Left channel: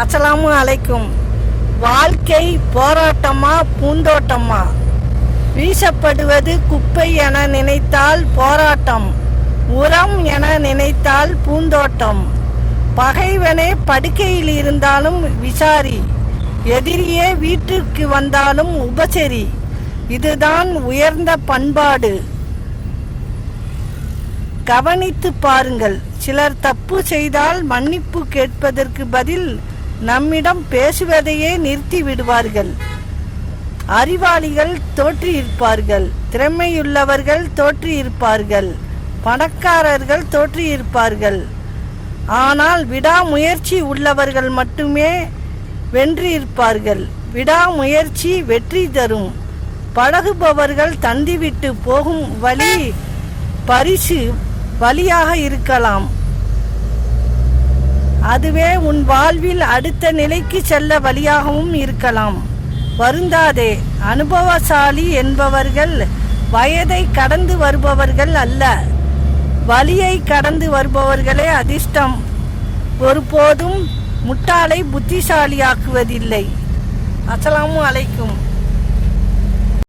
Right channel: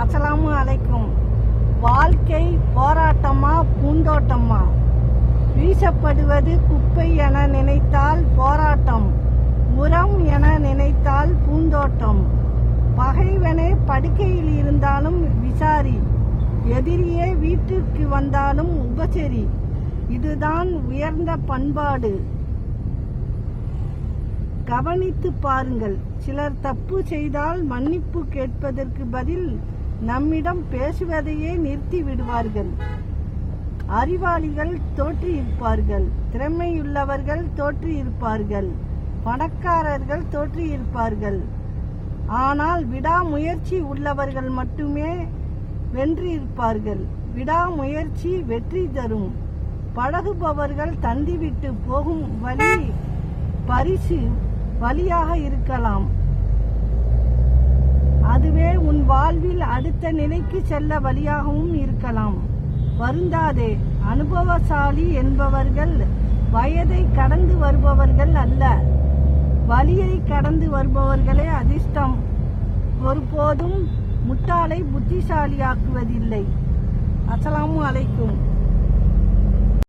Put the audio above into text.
அஸ்ஸலாமு அலைக்கும். வாழ்க்கை போராட்டமா பூந்தோட்டமா? வீசப்படுவது குப்பை என நினைத்தால் போராட்டம், உரம் என நினைத்தால் பூந்தோட்டம். பகைவனே படுக்கையில் இருந்தாலும் விசாரி, எதிரியே வீட்டிற்கு வந்தாலும் உபசரி. இதுதான் உயர்ந்த பண்பாடு. கவனித்து பாருங்கள். சிலர் தப்பு செய்தால் மன்னிப்பு கேட்பதற்கு பதில் நம்மிடம் பேசுவதையே நிறுத்தி விடுவார்கள். அறிவாளிகள் தோற்றியிருப்பார்கள், திறமையுள்ளவர்கள் தோற்றியிருப்பார்கள், பணக்காரர்கள் தோற்றியிருப்பார்கள். ஆனால் விடாமுயற்சி உள்ளவர்கள் மட்டுமே வென்றிருப்பார்கள். விடாமுயற்சி வெற்றி தரும். பழகுபவர்கள் தந்திவிட்டு போகும் வழி பரிசு வழியாக இருக்கலாம். அதுவே உன் வாழ்வில் அடுத்த நிலைக்கு செல்ல வழியாகவும் இருக்கலாம். வருந்தாதே. அனுபவசாலி என்பவர்கள் வயதை கடந்து வருபவர்கள் அல்ல, வழியை கடந்து வருபவர்களே அதிர்ஷ்டம். ஒருபோதும் முட்டாளை புத்திசாலியாக்குவதில்லை. அஸ்ஸலாமு அலைக்கும்.